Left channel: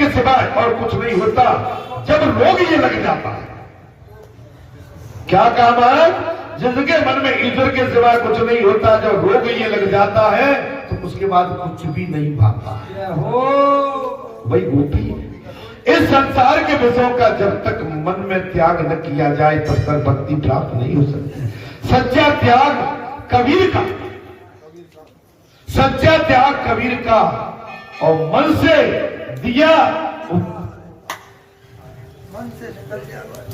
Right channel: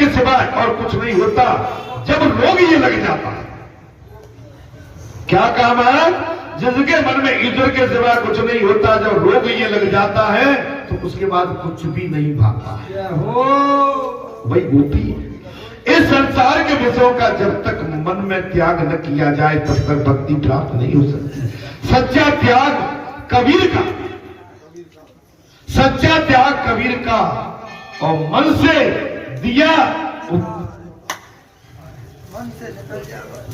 के सिवाय और कुछ नहीं होता। जब रोग ये लग जाता है, क्या कहा महाराज, जिसके मन में ईश्वर के सिवा कुछ नहीं होता, जब रोग ये लग जाता है तो उसके बाद कुछ भी नहीं भागता है। वही गोपी, इस संसार के विषयों का जब तक मन में त्याग न किया जाए तब तक भक्ति प्राप्त नहीं हो सकती। सच्चा त्याग कबीर का, सच्चा त्याग कबीर का, और मन से दिया,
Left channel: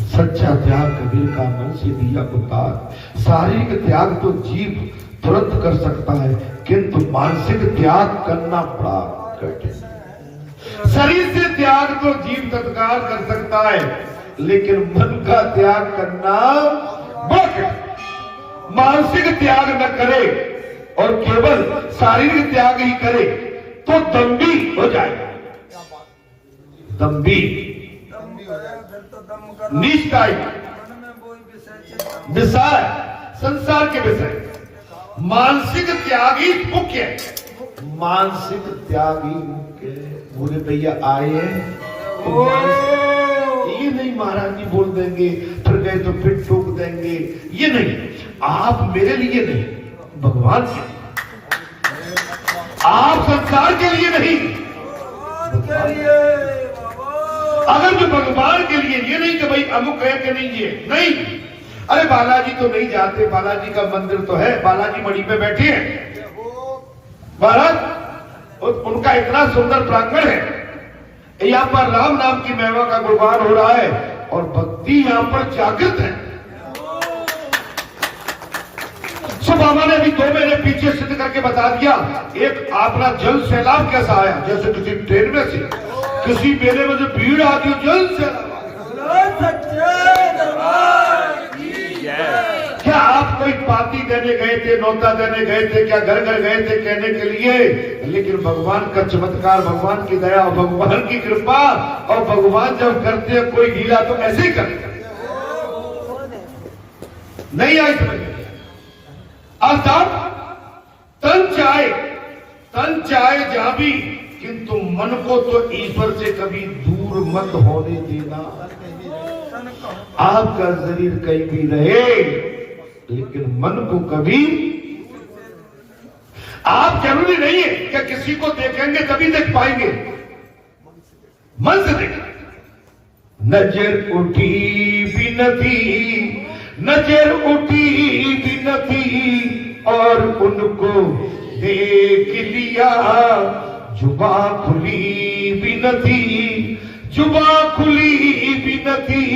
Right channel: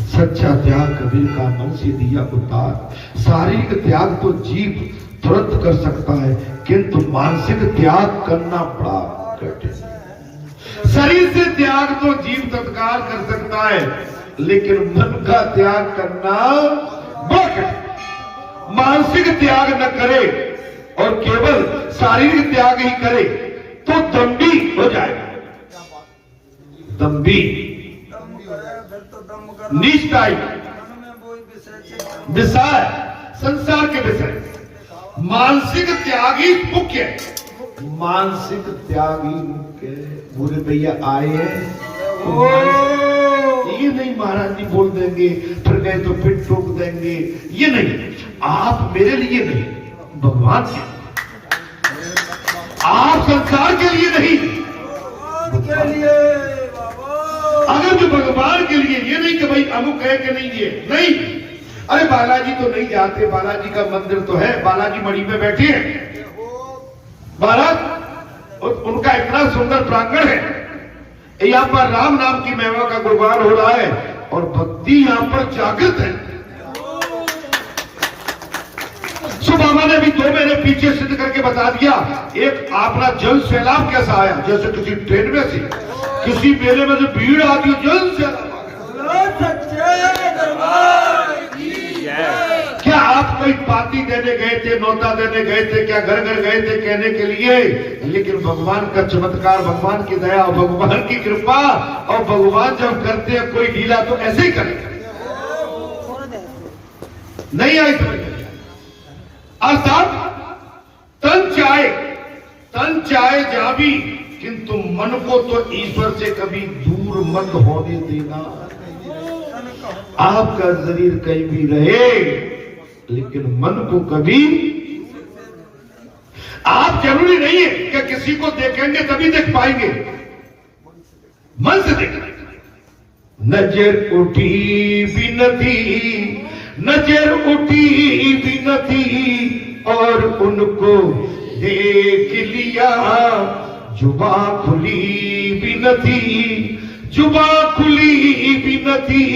सच्चा त्याग कबीर का, मन से दिया उतार। शारीरिक त्याग तो जीव तुरंत कर सकता है, किंतु मानसिक त्याग करना बड़ा कठिन। शरीर से त्याग तो जीव तत्काल कर सकता है, लेकिन मन का त्याग करना बहुत कठिन। मानसिक त्याग न करे और केवल शारीरिक त्याग ही करे तो दम्भी हो जाएगा। दम्भी, निष्ठाई, विषय, संसार के विषय। मानसिक त्याग ही मुख्य है, मानसिक त्याग ही मुख्य है। बोले भैया आए हैं तो ये नहीं महाराज जी बोल देंगे, फिर गए तो फिर टोक देंगे, ये नहीं। आप मेरे लिए नहीं, भगवान के लिए, आप संसार के लिए नहीं, के लिए। अगर जो भगवान के लिए, ये नहीं कि भाई अमुक है कि नहीं, ये नहीं। अरे बालाजी तो नहीं जाते, बालाजी का मंदिर तो है, बालाजी मणि पे बैठे हैं महाराज, उनका इतना सुंदर प्रांगण है, यहाँ पर राम नाम की महिमा का गुणगान हो रहा है और भक्ति यहाँ पर जागृत है। बाबा ने भी 2 महीने पीछे सिद्ध करके बता दिया, एक अपना जल सैलाब कैसा आया, जैसे किसी ट्रेन में से, किसी मेले में से भीड़ आती है, जल सैलाब। क्या आप कोई पार्टी देने गए थे, नौता देने गए थे, क्या घर घर गए थे कहने के लिए? लेकिन भगवान का चमत्कार, भगवान की दया, भगवान की कृपा, और भगवान जब करते हैं कोई लीला तो ऐसे ही करते नहीं आई समझ। अर्थात तन चाहे जावी, किंतु मन को तो ईश्वर से कभी दूर मत होने देना। आपका शरीर कहीं भी रहे, लेकिन मन को कभी, आप जरूरी नहीं है कि किसी को देखेंगे तभी देख पाएंगे, मन से देखेंगे। नजर उठी भी नथी, नजर उठी भी नथी, और उनको देख लिया, जुबा खुली भी नथी, जुबा खुली भी नथी,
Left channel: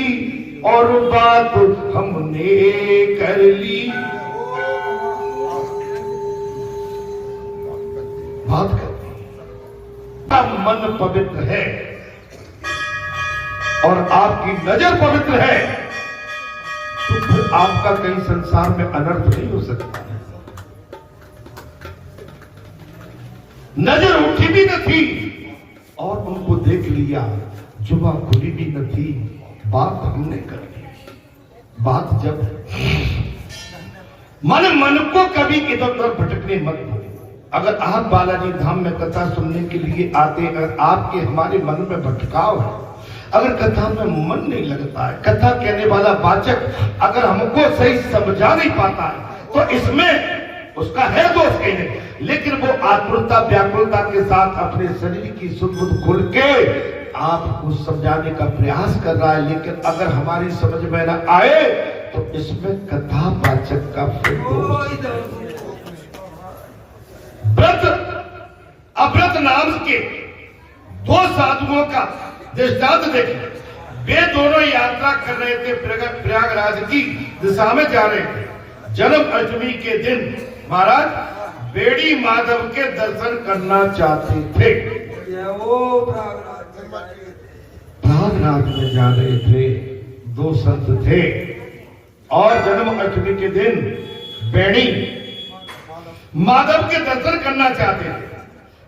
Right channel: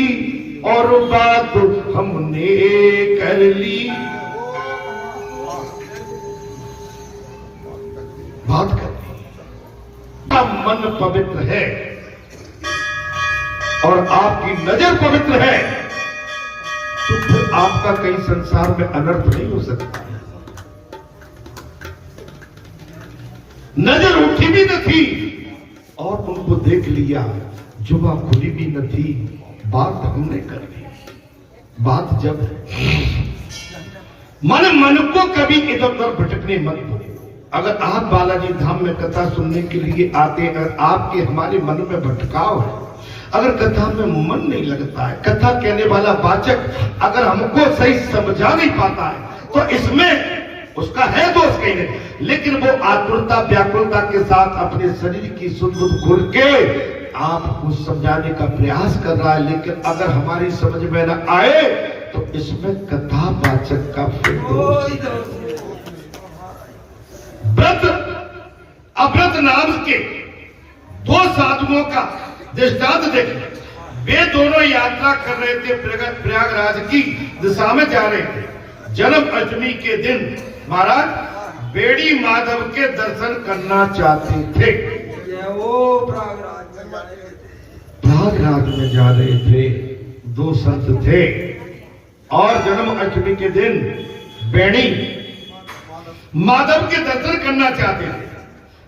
और बात हमने कर ली। बात कर ली। अब मन पवित्र है और आपकी नजर पवित्र है, तो फिर आपका कहीं संसार में अनर्थ नहीं हो सकता। नजर उठी भी न थी और उनको देख लिया, जुबा खुली भी न थी, बात हमने कर दी। बात जब मन को कभी इधर उधर भटकने मत दो। अगर आप बालाजी धाम में कथा सुनने के लिए आते हैं, आपके हमारे मन में भटकाव है, अगर कथा में मन नहीं लगता है, कथा कहने वाला वाचक अगर हमको सही समझा नहीं पाता है, तो इसमें उसका है दोष कहीं नहीं। लेकिन वो आतुरता व्याकुलता के साथ अपने शरीर की सुध खुल के आपको समझाने का प्रयास कर रहा है, लेकिन अगर हमारी समझ में न आए तो इसमें कथा वाचक का फिर व्रत अव्रत नाम के 2 साधुओं का दृष्टांत देखें। वे दोनों यात्रा कर रहे थे, प्रयागराज की दिशा में जा रहे थे। जन्म अष्टमी के दिन महाराज बेड़ी माधव के दर्शन करना चाहते थे। वो प्रयागराज में जा रहे थे, 2 संत थे और जन्म अष्टमी के दिन बेड़ी माधव के दर्शन करना चाहते थे।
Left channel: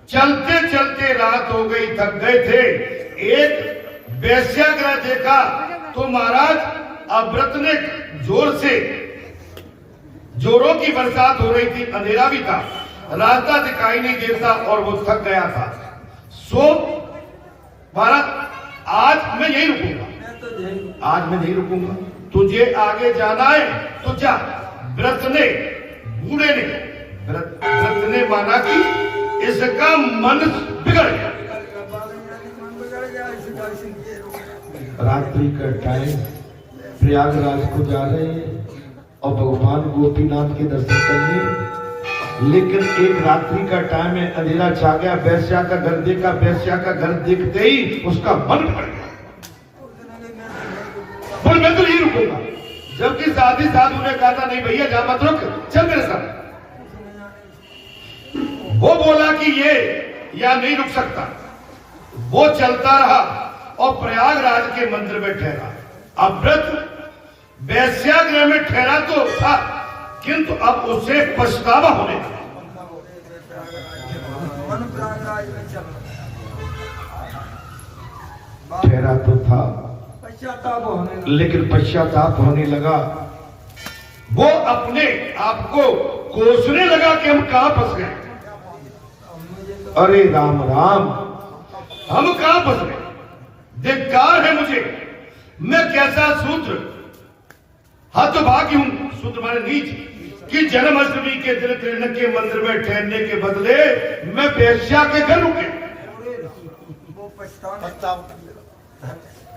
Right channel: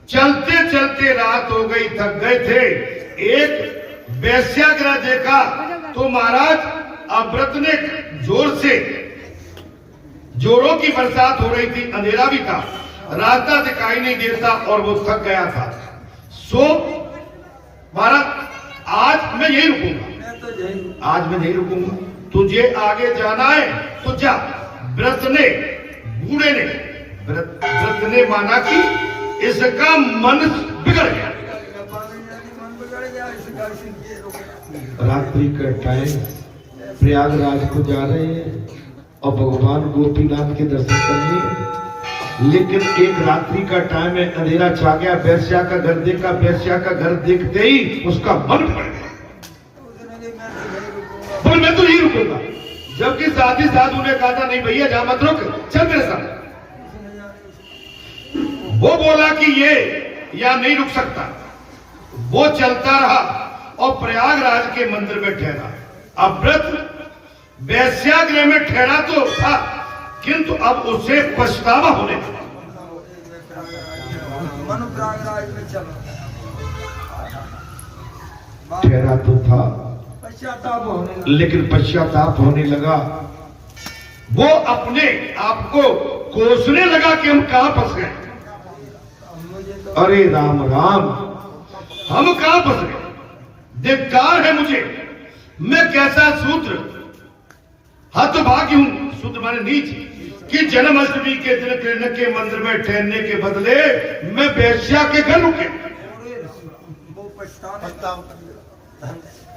चलते चलते रात हो गई, थक गए थे। एक वेश्यागृह देखा तो महाराज अव्रत ने जोर से, जोरों की बरसात हो रही थी, अंधेरा भी था, रास्ता दिखाई नहीं देता और वो थक गया था। सो महाराज आज मैं नहीं रुकूंगा, तुझे आगे जाना है तो जा। व्रत ने, बूढ़े ने, व्रत ने माना कि इसका मन बिगड़ गया। रात्रि का टाइम, प्रयागराज को जा रहे हैं और भगवान गोपीनाथ के दर्शन करने, लेकिन एक रात्रि का टाइम है, अंधेरा छा गया, वैश्या का घर देखा, वैश्या का घर देखते ही उसका मन बिगड़ गया। बोल मैं तो नहीं रुकूंगा, जबकि साथी साधु ने कहा था नहीं भैया जा मत रुक, चल मेरे साथ। वो बोला कि ये या नहीं रुक सकता, वो चलता रहा और प्रयागराज के मंदिर में ठहरा। अब व्रत वैश्यागृह में ठहरा तो था, किंतु अब उसे पछतावा होने लगा। ठहरा तो था लेकिन पश्चाताप होने लगा। वो अपने आप को कोसने लगा कि हम कहां फंस गए। अरे राम राम, हम कहां फंस गए, धिक्कार है मुझे, मैं कैसा शूद्र, हतभागी हूं, शूद्र माने नीच, कि जन्माष्टमी के दिन कृष्ण के मंदिर में ठहरने के बदले मैं वैश्या के घर रुके।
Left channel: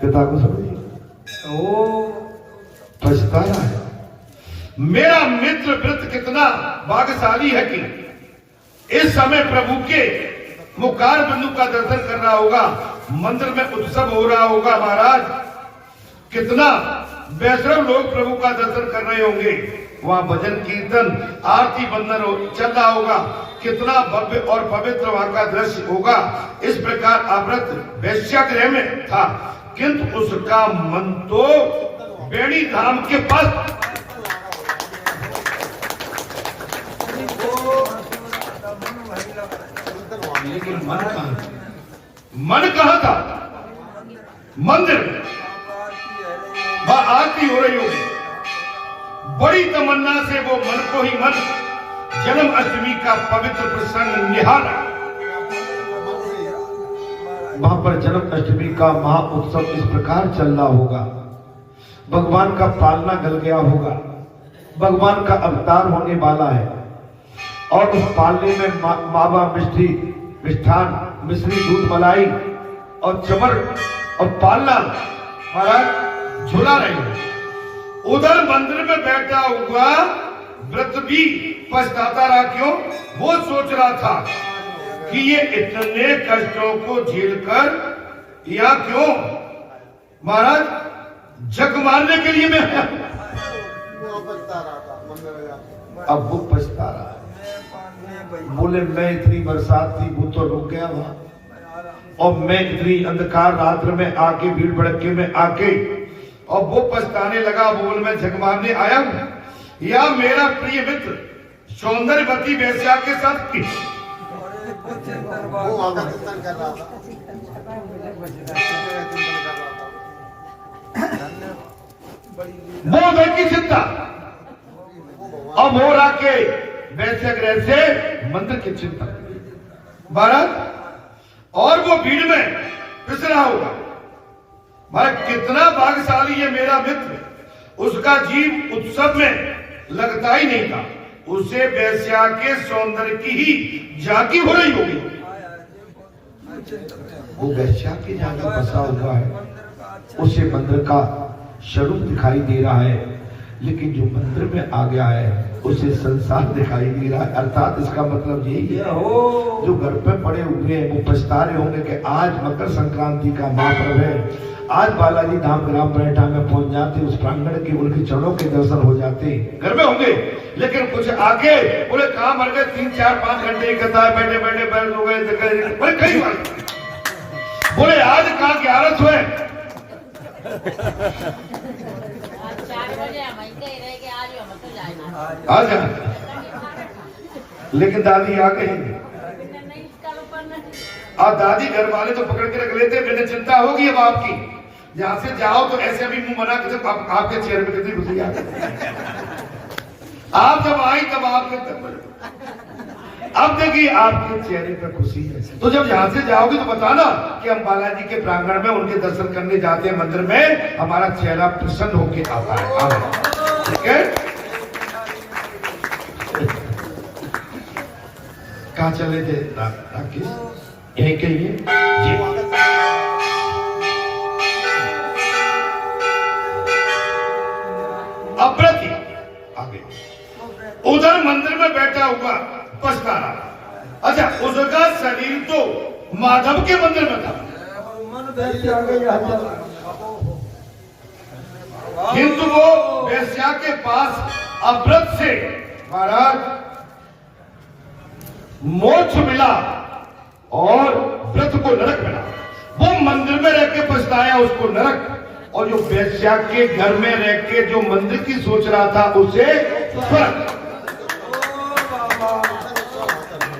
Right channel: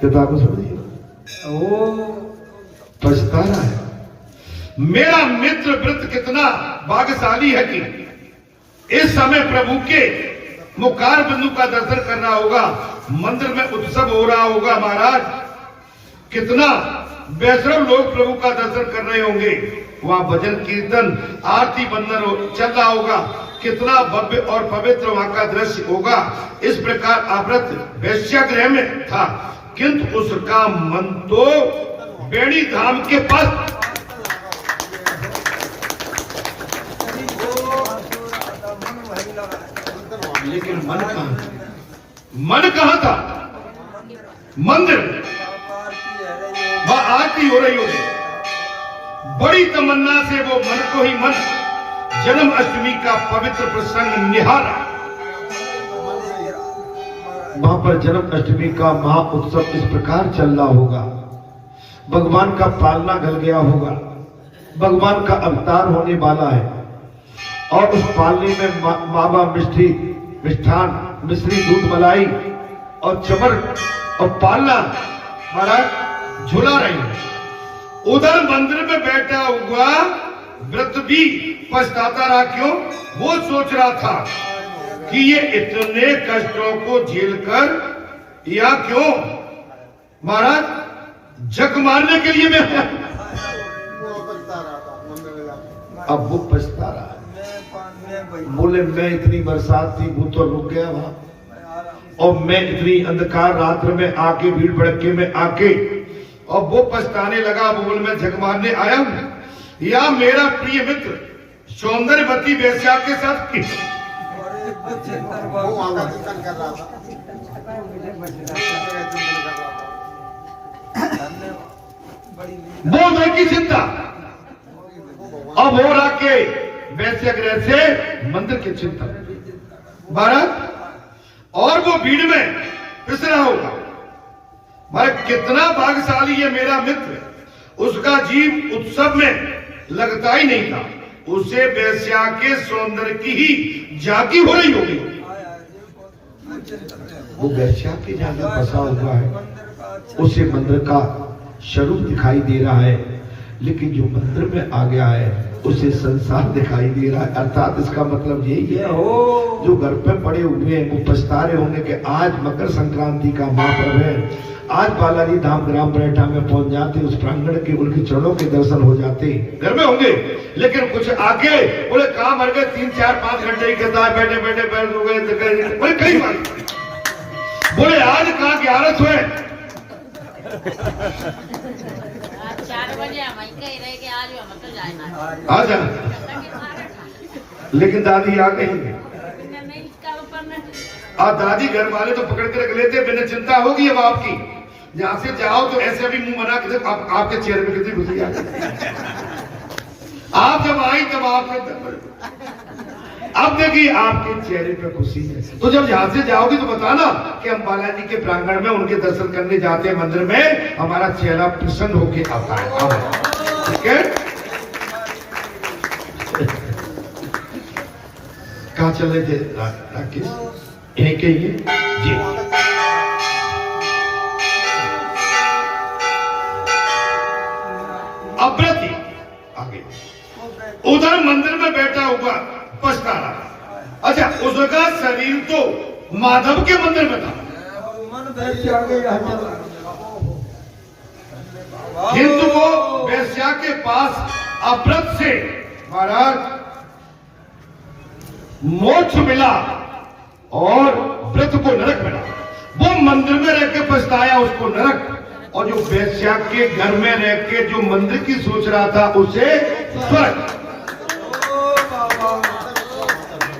पिता को समझिए, पछता रहा है। मेरा मित्र व्रत कितना भाग्यशाली है कि इस समय प्रभु के मुखार बिंदु का दर्शन कर रहा होगा, मंदिर में उत्सव हो रहा होगा। महाराज कितना वैष्णव लोग प्रभु का दर्शन कर रहे होंगे, वहां भजन कीर्तन आरती बंदन चल रहा होगा, कितना भव्य और पवित्र वहां का दृश्य होगा। इस प्रकार अव्रत वैश्यागृह में था, किंतु उसका मन तो बेड़ी धाम के पास। लेकिन मन कहां था? मन कहां था? मंदिर में आरती हो रही होगी, बड़ी तमन्ना से वो मन को ही मन जन्माष्टमी का पवित्र प्रसंग निहारा। वहां पर जन्माष्टमी का महा उत्सव इस प्रकार चल रहा होगा, भगवान का पालना गल गया होगा, भगवान का अवतार होने वाला है, और उस पालने में मावा मिष्टी मिष्ठान मिश्री दूध मलाई और चमर और पालना महाराज झुला रही है। उधर मंदिर में बैठा हुआ व्रत भी पछताता रहा। क्यों? वो सोच रहा था कि ये इतने कष्टों को झेलकर या क्यों महाराज जग मारने के लिए मैं, अब वो पछता रहा है। बोले मैं इतनी बरसात थी वो तो रुक गया वहां, और मैं इतनी अंधकार रात्र में आके भीड़ भड़के में आके, और वो पछताने लगा। बोल मैं जग मारने आया हूं या मेरा प्रिय मित्र सौंदर्यवती वैश्या के साथ की। वो की चिंता अब हो रहा के वैश्यागृह से मंदिर की चिंता भारत, और वो भीड़ में पिस रहा होगा। भाई कितना भाग्यशाली है मेरा मित्र, उसका जीव उत्सव में लगता ही नहीं था, उसे वैश्या के सौंदर्य की ही झांकी हो रही होगी। वो वैश्या की जगह बसा हुआ है, उसे मंदिर का स्वरूप दिखाई दे रहा है, लेकिन जो मंदिर में आ गया है उसे संसार दिखाई दे रहा है। अर्थात इसका मतलब यही है जो घर पे पड़े हुए हैं वो पछता रहे होंगे कि आज मकर संक्रांति का महापर्व है, आज बालाजी धाम ग्राम परेटा में पहुंच जाते, उस प्रांगण के उनके चरणों के दर्शन हो जाते, घर में होंगे। लेकिन कुछ आके बोले कहां मर गए, 3, 4, 5 घंटे ही कहता है बैठे बैठे बैठ हो गए, बोले कई बार बोले आज कहां 11 हुए 4 बजे हम कह रहे कि आज हम तो जाना आ जा। लेकिन दादी आ गई, अब दादी घर वाले तो पकड़ के रख लेते, मैंने चिंता होगी अब आपकी, जहां से जाओ तो ऐसे अभी मुंह मना के आपके चेहरे पे कितनी खुशी आ गई। आप जब आई तब आपके अब देखिए आपके चेहरे पे खुशी है, तो जब यहाँ से जाओगे तो बताना कि हम बालाजी के प्रांगण में उनके दर्शन करने जाते हैं मंदिर में, हमारा चेहरा प्रसन्न होके आता है। ठीक है, कहाँ चले थे राकेश? यहीं के ही जी। अप्रति आगे उधर मंदिर में बैठा हुआ पछता रहा। अच्छा, उसका शरीर तो माधव के मंदिर में था, किंतु वो वेश्या के पास अव्रत से महाराज मोक्ष मिला और व्रत को नरक मिला। वो मंदिर में रह के पछताया उसको नरक, और जो वेश्या के घर में रह के जो मंदिर की सोच रहा था उसे स्वर्ग।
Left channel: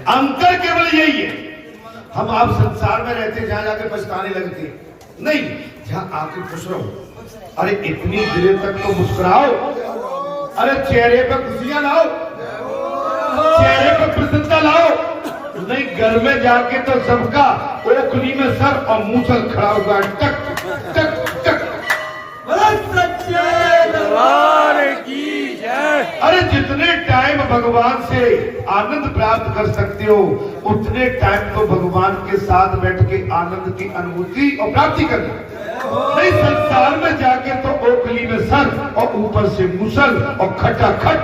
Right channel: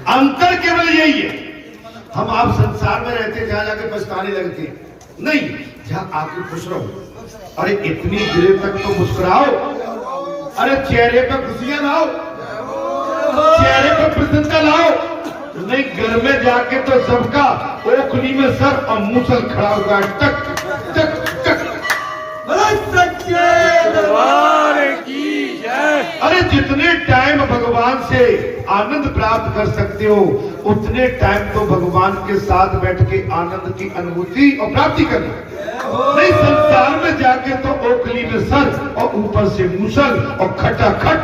अंतर केवल यही है, हम आप संसार में रहते जहां जाके पछताने लगते नहीं, जहां आके खुश रहो। अरे इतनी देर तक तो मुस्कुराओ, अरे चेहरे पर खुशियां लाओ, चेहरे पर प्रसन्नता लाओ। नहीं, घर में जाके तो सबका ओखली में सर और मूसल खड़ा होगा, टक टक टक। अरे जितने टाइम भगवान से आनंद प्राप्त कर सकते हो उतने टाइम तो भगवान के साथ बैठ के आनंद की अनुभूति और प्राप्ति करनी। नहीं, संसार में जाके तो ओखली में सर और ऊपर से मूसल और खटाखट।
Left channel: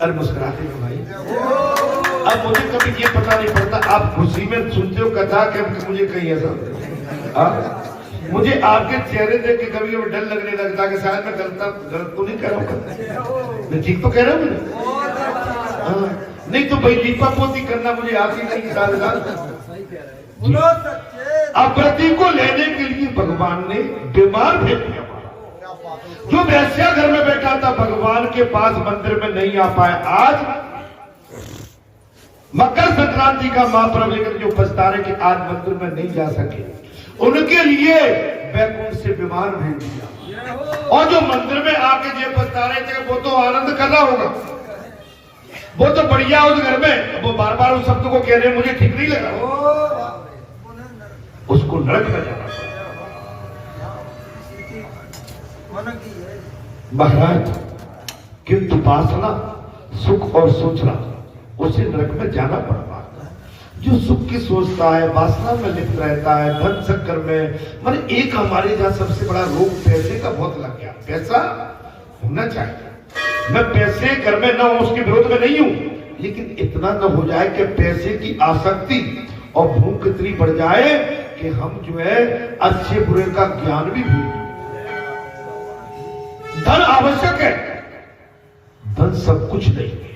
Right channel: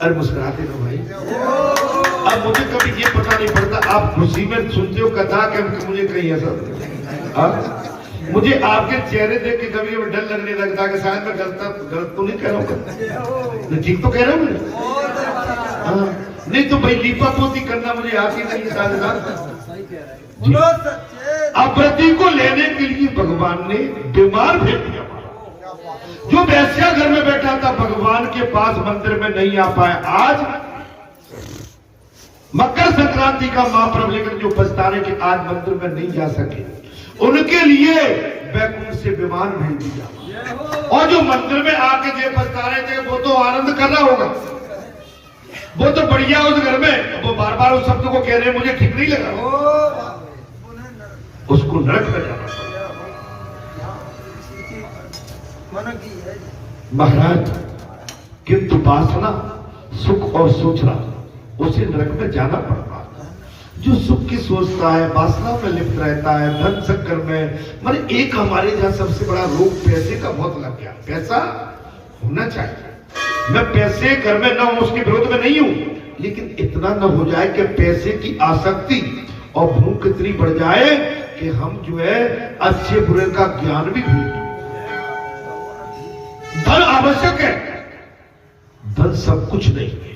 अरे मुस्कुराते हो भाई। अब मुझे कभी ये पता नहीं पड़ता, आप खुशी में सुनते हो कथा कि मुझे कहीं ऐसा, मुझे आपके चेहरे देख के कभी कभी डर लगने लगता है कि शायद मैं गलत तो नहीं कह रहा हूँ, ठीक तो कह रहा हूँ मैं। नहीं तो भाई लीपा पोती करना मुझे आती नहीं साथ। अप्रति को लेने के लिए भगवान ने बीमार भेज दिया। जो वैश्या घर में बैठा था भगवान के पास मंदिर में नहीं आ पाया। आज मकर संक्रांति का महापर्व, लेकिन जो पछता रहे कि आज मंदिर में नहीं जा सके, उनके लिए बैकुंठ से बीमार भेज दिया। और जो मंदिर में आके जो पछता रहे थे वो तो आनंद कर रहा होगा, वो तो बढ़िया उस घर में, वो बार बार उस शब्द को कह रहे मुझे ठीक नहीं लगा, उसको नरक में जाना। महाराज किंतु वासना सुख और सोचना उसे नरक में जाना पड़ता। जो सुख की सोचता है, वासना में लिप्त रहता है, धन चक्कर में, माने एक हमारे यहाँ सबसे बड़ा रोग पैसे का बहुत लग गया। पैसा होना चाहिए, मैं पैसे घर में न हो उसके विरोध में नहीं हूं, लेकिन इतना न हो जाए कि पैसे की आसक्ति और भूख इतनी बढ़ जाए कि हम जो है अच्छे बुरे का ज्ञान भी भूल। धन आवश्यक है, धन सब कुछ नहीं है,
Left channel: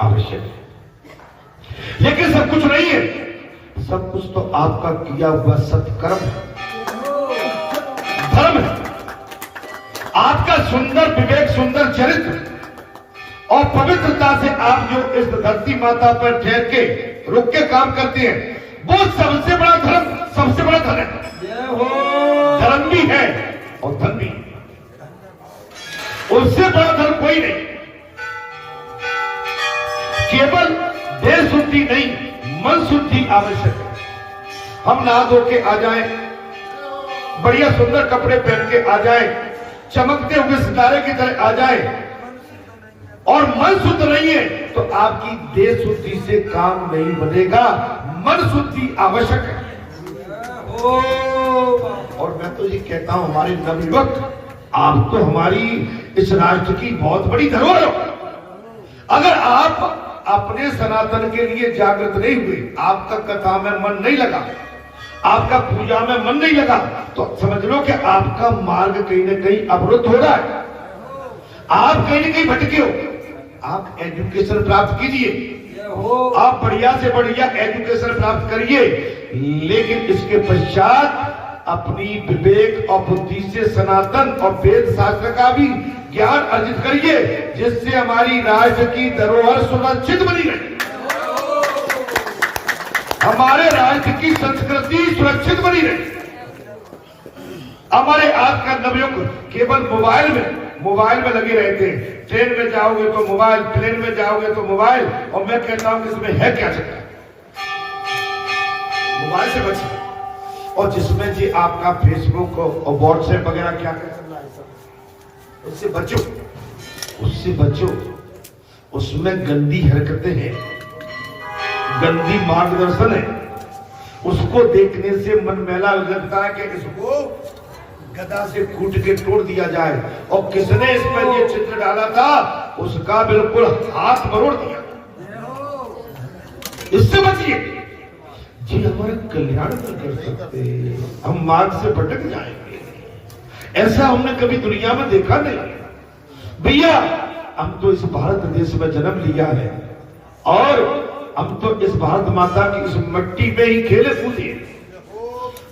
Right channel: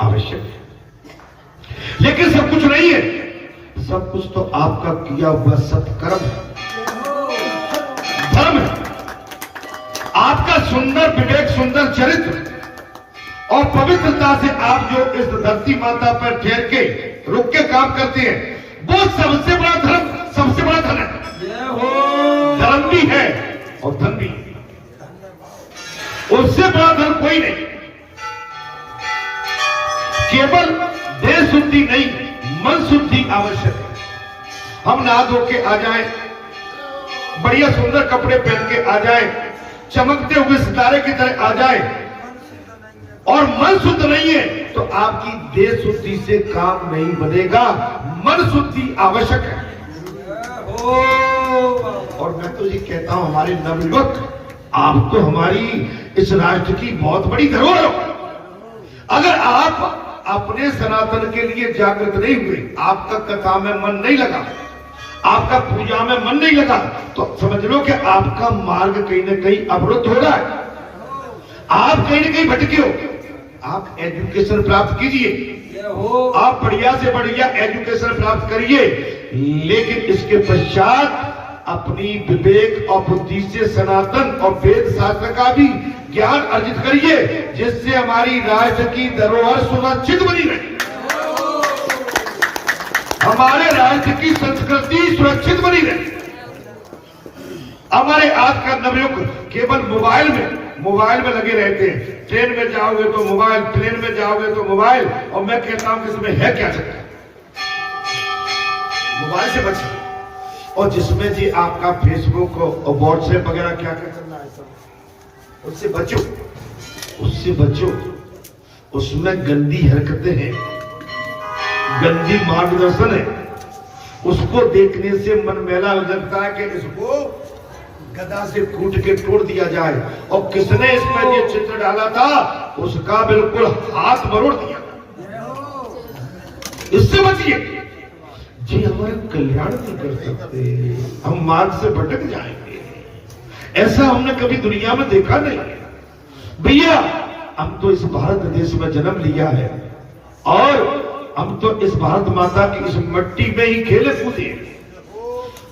आवश्यक है, लेकिन सब कुछ नहीं है। सब कुछ तो आपका किया हुआ सत्कर्म है, धर्म है, आपका सुंदर विवेक, सुंदर चरित्र और पवित्रता से आप जो इस धरती माता पर ठहर के रुक के काम करते हैं, वो सबसे बड़ा धर्म, सबसे बड़ा धन है। धर्म भी है और धन भी है, उससे बड़ा धन कोई नहीं। केवल देह शुद्धि नहीं, मन शुद्धि आवश्यक है। हम नहा धो के आ जाएं, बढ़िया सुंदर कपड़े पहन के आ जाएं, चमकते हुए सितारे की तरह आ जाएं, और मन शुद्ध नहीं है तो आपकी देह शुद्धि से काम नहीं बनेगा। मन शुद्धि आवश्यक है। और मैं तो ये कहता हूं हमारे नवयुवक, आप तो हमारी इस राष्ट्र की बहुत बड़ी धरोहर हो। अगर आप अपने सनातन के लिए जागृत नहीं हुए, आपका कथा में मन नहीं लगा, आपका पूजा में मन नहीं लगा, तो समझ लो कि आपका मार्ग कहीं ना कहीं अवरुद्ध हो रहा है, आप कहीं ना कहीं भटके हो। आप एजुकेशन प्राप्त कीजिए, आप बढ़िया से बढ़िया एजुकेशन प्राप्त करिए, लेकिन इसके पश्चात अपनी विवेक और बुद्धि से सनातन और वेद शास्त्र का भी ज्ञान अर्जित करिए, जिससे हमारी राष्ट्र की धरोहर सुरक्षित बनी रहे, हमारे राष्ट्र की संस्कृति सुरक्षित बनी रहे। हमारे आज का नवयुग केवल मोबाइल में लगे रहते हैं। ट्रेन में जाओगे तो मोबाइल, प्लेन में जाओगे तो मोबाइल, और मैं कहता हूं कि इसमें है क्या चक्कर, मोबाइल से बचिए। और जिसमें जी आपका फेसबुक और व्हाट्सएप वगैरह क्या क्या चल रहा है सब, उससे बचो, उससे बचो। उसमें गंदी हरकतें हैं, गंदी मार्गदर्शन है। उसको देखने से मन मैला हो जाता है कि इसको गदा से कूट के तोड़ दिया जाए। और किसने इसमें ये चित्र डाला था उसका बिल्कुल हाथ मरोड़ दिया। इससे बचिए जी, हमारा कल्याण नहीं कर सकते, हम मार्ग से भटक जाएंगे। ऐसा हमने कभी दुनिया में देखा नहीं भैया। हम तो इस भारत देश में जन्म लिया है और हम तो इस भारत माता की इस मिट्टी में ही खेले कूदे,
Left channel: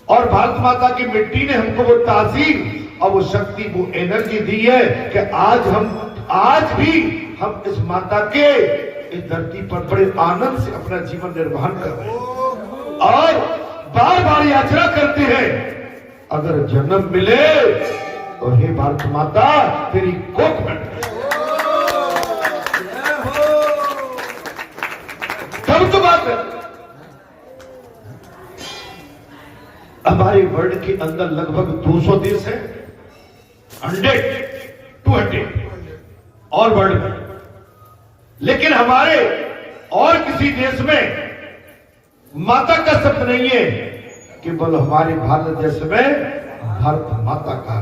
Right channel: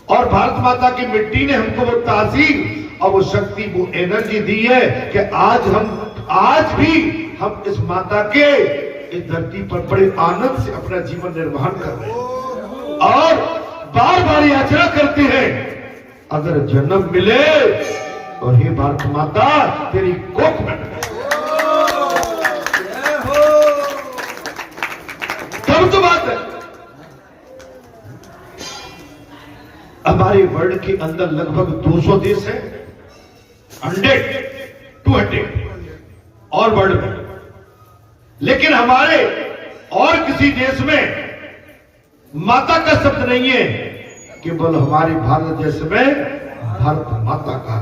और भारत माता की मिट्टी ने हमको वो तासीर और वो शक्ति, वो एनर्जी दी है कि आज भी हम इस माता के इस धरती पर बड़े आनंद से अपना जीवन निर्वाह कर रहे हैं और बार बार याचना करते हैं, अगर जन्म मिले तो हे भारत माता तेरी कोख में तब तो बात है। हमारे वर्ल्ड के अंदर लगभग 200 देश है, 200 और वर्ल्ड में, लेकिन हमारे और किसी देश में माता का शब्द नहीं है, केवल हमारे भारत देश में भारत माता का।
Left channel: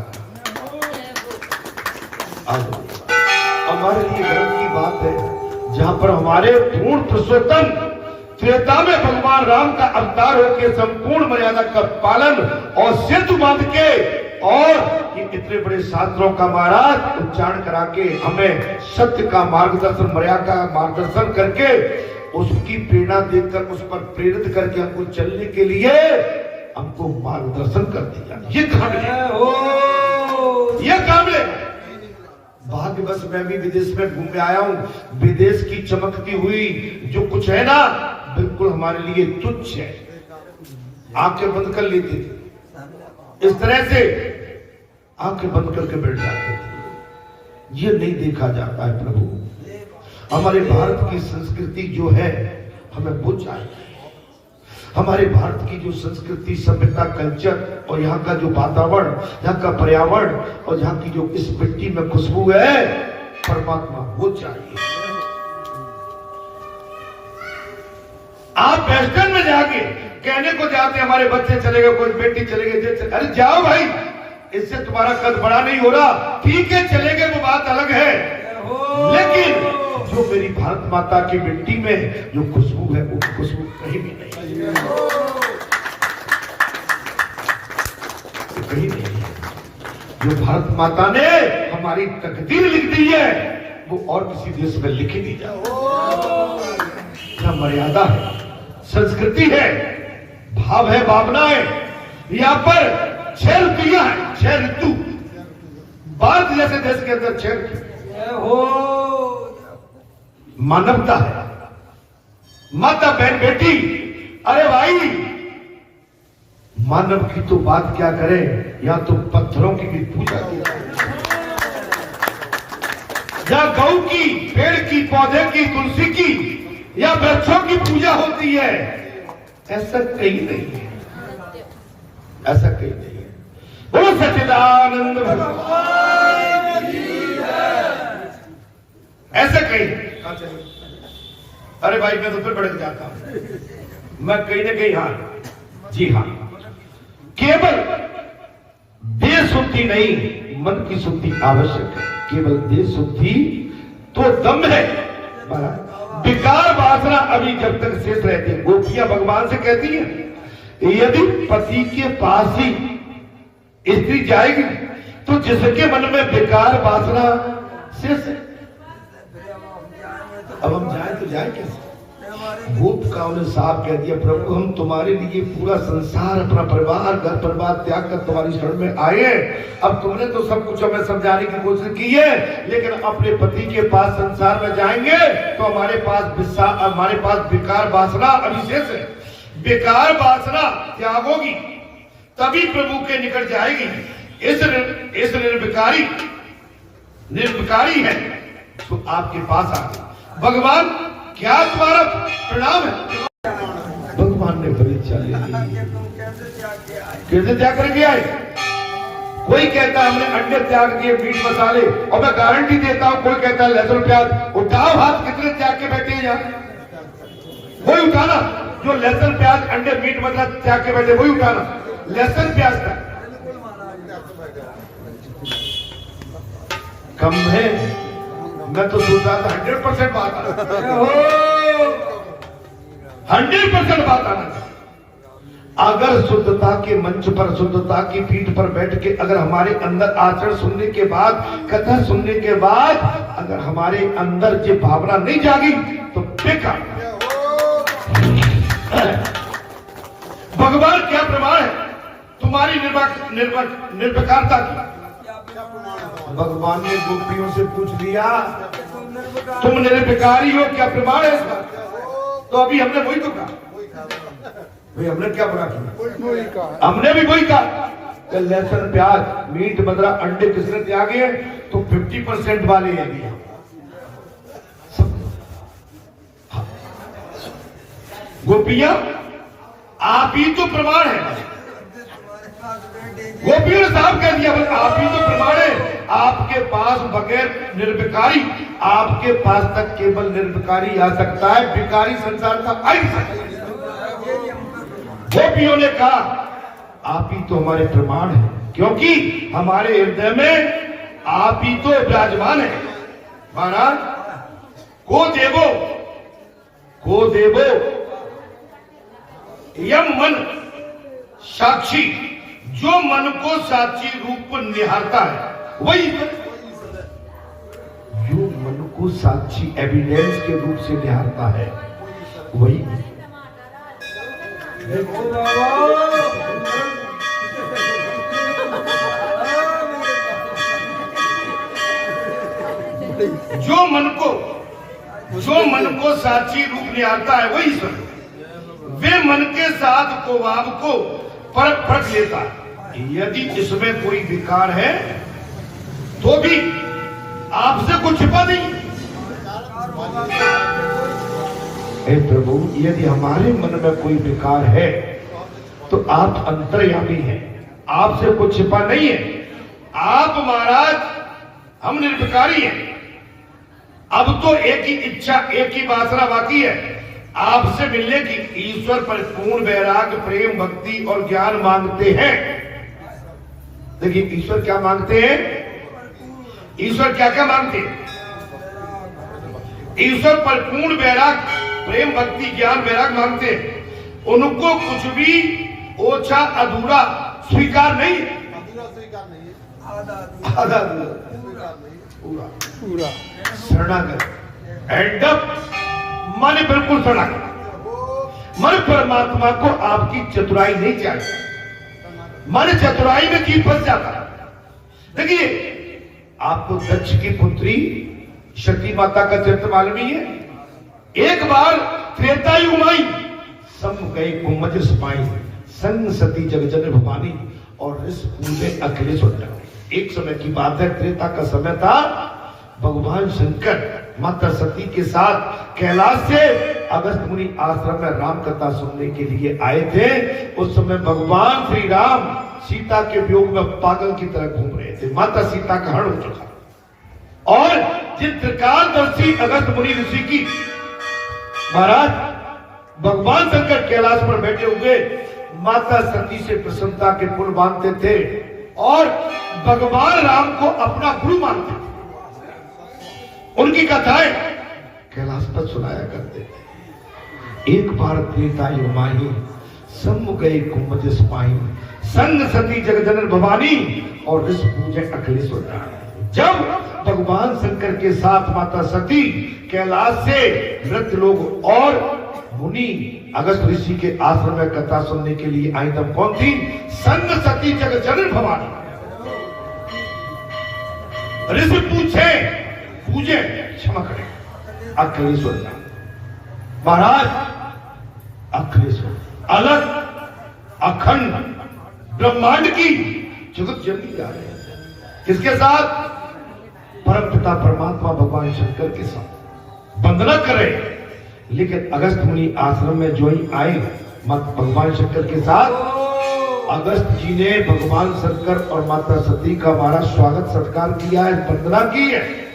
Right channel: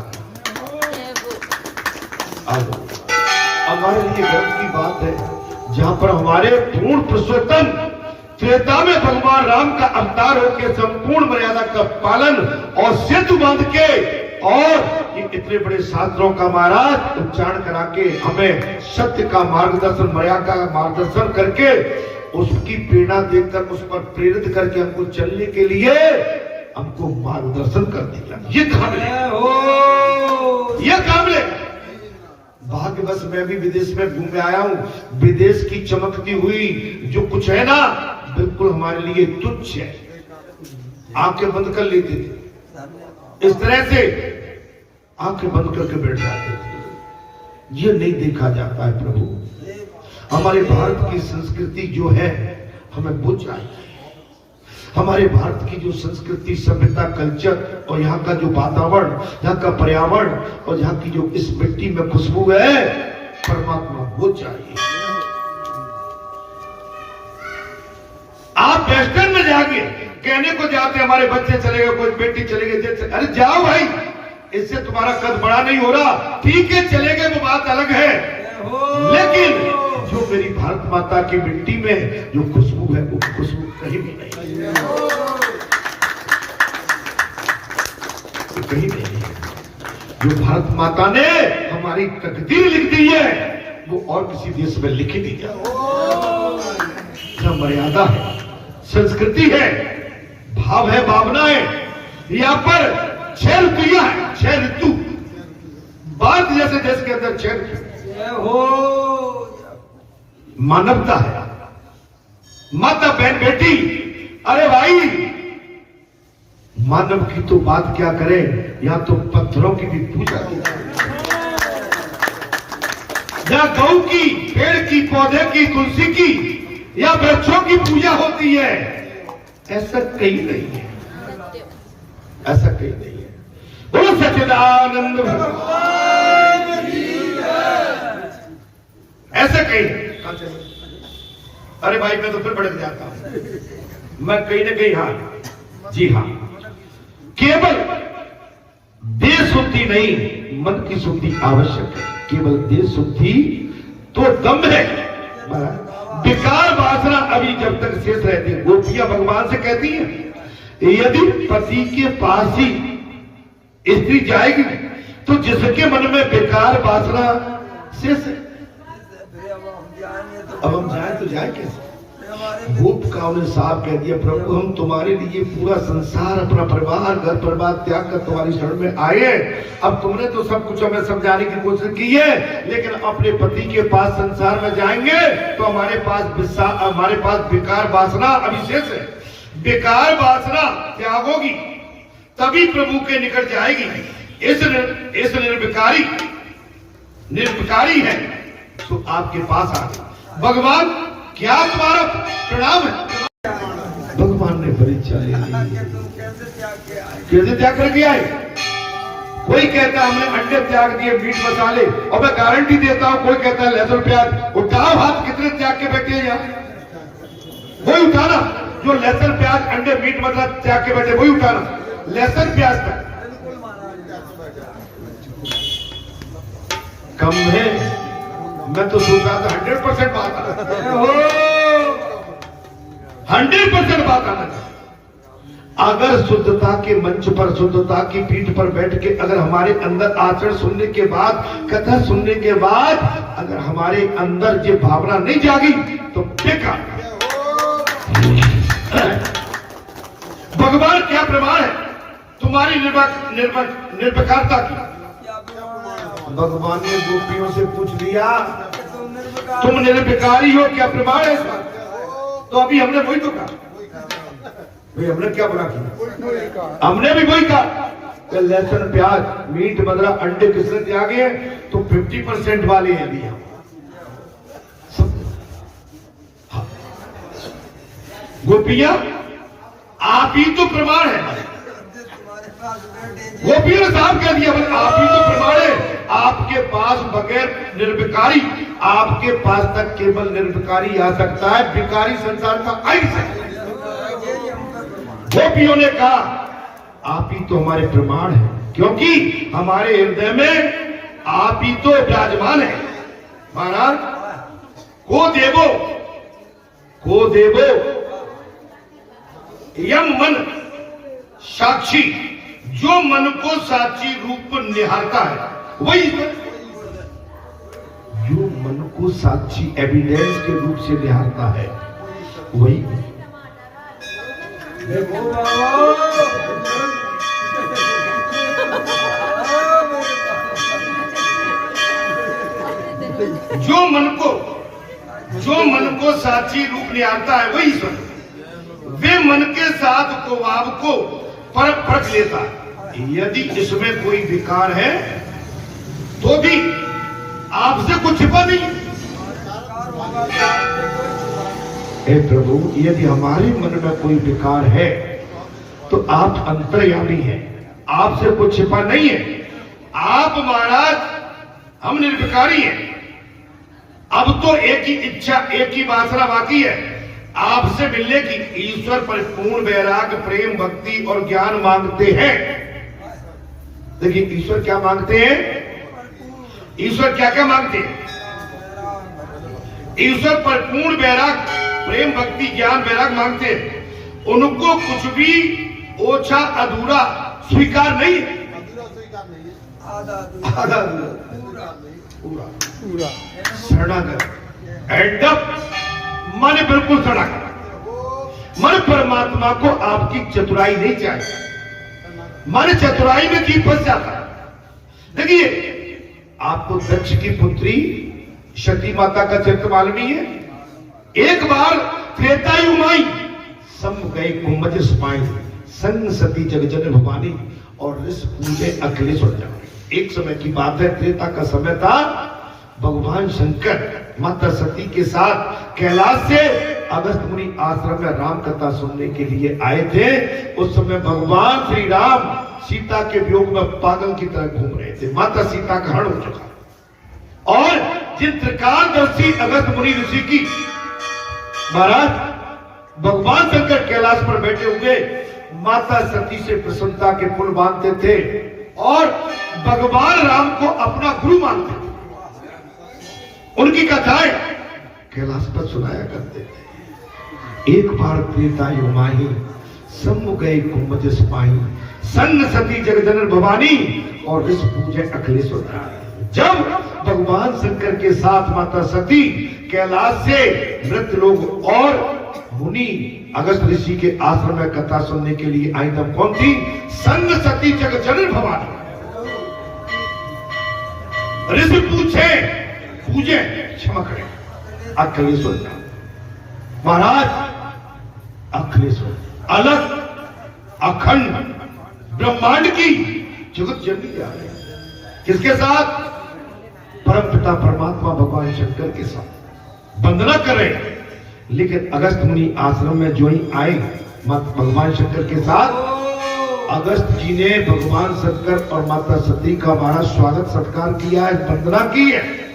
हमारे लिए गर्व की बात है जहां पर हमारे पूर्ण पुरुषोत्तम त्रेता में भगवान राम का अवतार होकर संपूर्ण मर्यादा का पालन और सेतु बांध के और ये इतने बड़े शास्त्रों का महाराज उच्चारण करा के हमें सत्य का मार्गदर्शन, मर्यादा का मार्गदर्शन करके उसकी प्रेरणा देकर उस पर प्रेरित करके हमको चलने के लिए हमको मार्गदर्शन कर दिया। ये काबिल भाग्य बस मैं भी विदेश में घूम आया हूं। विदेश की चमकती हुई जो कुछ है ना, बिल्कुल हमारे लिए तुच्छ है। आंखें बंद कर लेते थे, इस तरह से आंखें बंद करके बैठ जाते थे। ये नहीं देखा जाता है प्रभु। हमारे भारत की संस्कृति जो है हमें वो चाहिए। हमारे भारत की जो संस्कृति, सभ्यता, कल्चर और यहाँ का जो वातावरण, यहाँ का पर्यावरण और यहाँ की जो इस मिट्टी में खुशबू है, परमात्मा वो चाहिए। आप वेस्टर्न में जाके कहने को जाते हमारे बच्चे चलेगा, कोई बेटी चलेगी, अरे जाओ भाई, इससे तुम्हारा कद बड़ा नहीं हो रहा। ठीक है चलेंगे, वो बात अलग है, लेकिन जो मेरी भारत माता की मिट्टी में जो खुशबू है वो खुशबू कहीं भी नहीं है, कहीं नहीं है। जो भारत माता ने हमारी तकदीर लिख दी है वो और किसी देश में लिखी नहीं जाती। मर्यादा है, संस्कृति है, भाव है, भावना है। यहाँ पर 6 ऋतुयां हैं, 6 ऋतु। भारत जैसे देश के अंदर 6 ऋतु हो, मानवता है, माता बहन बेटी। अरे भाई, मानव की तो बात क्या करें, या तो पत्थरों की भी पूजा की, या गौ की, पेड़ की, पौधे की, तुलसी की या वृक्षों की पूजा होती है। ऐसा कहीं नहीं है, ऐसा कहीं नहीं है। बोलो सच्चिदानंद भगवान की जय। ऐसा कहीं। अरे भाई मैं तो फिर भड़क जाता हूं, मैं कहीं ना कहीं, हाँ जी हाँ, केवल देह शुद्धि नहीं मन की शुद्धि आवश्यक है। केवल देह शुद्धि तो दम है, विकार वासना अभी जब तक शेष रहती है। गोपियां भगवान से कहती है यदि पति के पास ही स्त्री जाएगी तो जिसके मन में विकार वासना शेष है, अब हम जाए तो जाए कैसे? भूत का उन्हें साफ कह दिया, प्रभु हम तुम्हारे लिए पूरा संसार, अपना परिवार, घर परिवार त्याग कर तुम्हारी शरण में आए। अब तुमने तो सब कुछ हमें समझाने की कोशिश की है, लेकिन अपने पति के पास संसार में जाएंगे तो हमारे पास विकार वासना अविशेष है। विकार वासना त्यागोगी तभी प्रभु के निकट जाएगी। इस निर्विकारी है तो आपके पास आ गए। भगवान क्या तुम्हारा प्रणाम है? भगवान ने परीक्षा ले ली। कैसे त्याग करके आए? कोई कहता हमने अंडे त्याग दिए, मीट मसाले, और मैं गारंटी देता हूं कोई कहता है लहसुन प्याज। उठाओ हाथ, कितने त्याग के बैठे हैं यहाँ? वही उठाना जो लहसुन प्याज अंडे मीट मसाला त्याग के बैठे, वही उठाना। लहसुन प्याज का कम है। मैं तो सोच रहा था 100% बात आना, 100% बात आना। अगर शुद्धता के मंच पर, शुद्धता की पीठ पर बैठ के अगर हमारे अंदर आचरण सुनने के बाद, कथा सुनने के बाद अगर हमारे अंदर ये भावना नहीं जागी तो बेकार। भगवान क्या प्रमाण है तुम्हारी निर्विकारता की? भगवान ने गोपियों से पूछ लिया तुम निर्विकारी हो, क्या प्रमाण है इस बात? तो अभी हमने वही तो कहा भाई, हमने क्या बुरा किया? हमने भी वही कहा। लहसुन प्याज मीट मदरा अंडे किसने त्यागे हैं? तो 50% वाले हैं अभी। गोपियां आप ही तो प्रमाण है। गोपियों ने साफ कह दिया भाई आप ही तो प्रमाण है। आपके पास बगैर निर्विकारी, आपके पास तक केवल निर्विकारी आ सकता है, विकारी संसार का आ ही सकता है। गोपियों ने कहा आप ही तो हमारे प्रमाण है, क्योंकि हमारे हृदय में आप ही तो विराजमान है। महाराज को देवो यम मन साक्षी, जो मन को साक्षी रूप निहारता है वही, जो मन को साक्षी एविडेंस के रूप से निहारता है वही। जो मन को साक्षी रूप निहारता है वही ईश्वर। वे मन के साथ को भाव को परख लेता है। यदि इसमें कोई विकार है तो भी आपसे कुछ छिपा नहीं। हे प्रभु, यदि हमारे मन में कोई विकार है तो आप अंतर्यामी हैं, आपसे कुछ छिपा नहीं है। आप महाराज, हम निर्विकारी हैं। अब तो एक ही इच्छा, एक ही वासना बाकी है आपसे मिलने की। ईश्वर पर पूर्ण वैराग्य, प्रेम, भक्ति और ज्ञान मांगते हैं। देखिए ईश्वर क्या मांगते हैं? ईश्वर क्या क्या मांगते हैं? ईश्वर पर पूर्ण वैराग्य, प्रेम, भक्ति, ज्ञान, वैराग्य मांगते हैं। उनको कुछ भी ओछा अधूरा स्वीकार नहीं, आधा पूरा शरणागत, एडप मन बिल्कुल शरणागत। मन परमात्मा को आपकी चतुराई नहीं चाहिए। मन चतुराई में जीव फंस जाता है। देखिए आपको दक्ष की पुत्री सती माता का चरित्र मालूम ही है। एक बार त्रेतायु माई सम गए कुमज समाई, संग सती जग जन भवानी और ऋष पूजे अखिलेश। एक समय की बात है, त्रेता का समय था। भगवान शंकर माता सती के साथ कैलाश से अगस्त मुनि आश्रम में राम कथा सुनने के लिए आए थे। उस समय भगवान श्री राम सीता के वियोग में पागल की तरह घूम रहे थे। माता सीता का हरण हो चुका और जिन त्रिकालदर्शी अगस्त मुनि ऋषि की महाराज भगवान शंकर कैलाश पर बैठे हुए माता सती से प्रसन्नता के पुल बांधते थे और भगवान राम को अपना गुरु मानते थे। उनकी कथाएं कैलाश पर सुनाया करते थे। एक बार त्रेतायु माही सम गए कुमज समाही, सन्न सती जगजनन भवानी और ऋष पूजे अखिलेश। जब भगवान शंकर के साथ माता सती कैलाश से मृत लोग और मुनि अगस्त ऋषि के आश्रम में कथा सुनने के लिए आई, तब कौन थी? सन्न सती जगजनन भवानी। ऋषि पूजे क्षमा करें अखिलेश्वर महाराज। अखिलेश्वर अलग अखंड ब्रह्मांड की जगत जननी जा रही है। किसके साथ? परम पिता परमात्मा भगवान शंकर के साथ वंदना करें। लेकिन अगस्त मुनि आश्रम में जो ही आए माता भगवान शंकर के साथ, अगस्त जी ने भगवान शंकर और माता सती का हमारा स्वागत सत्कार किया है, वंदना की है।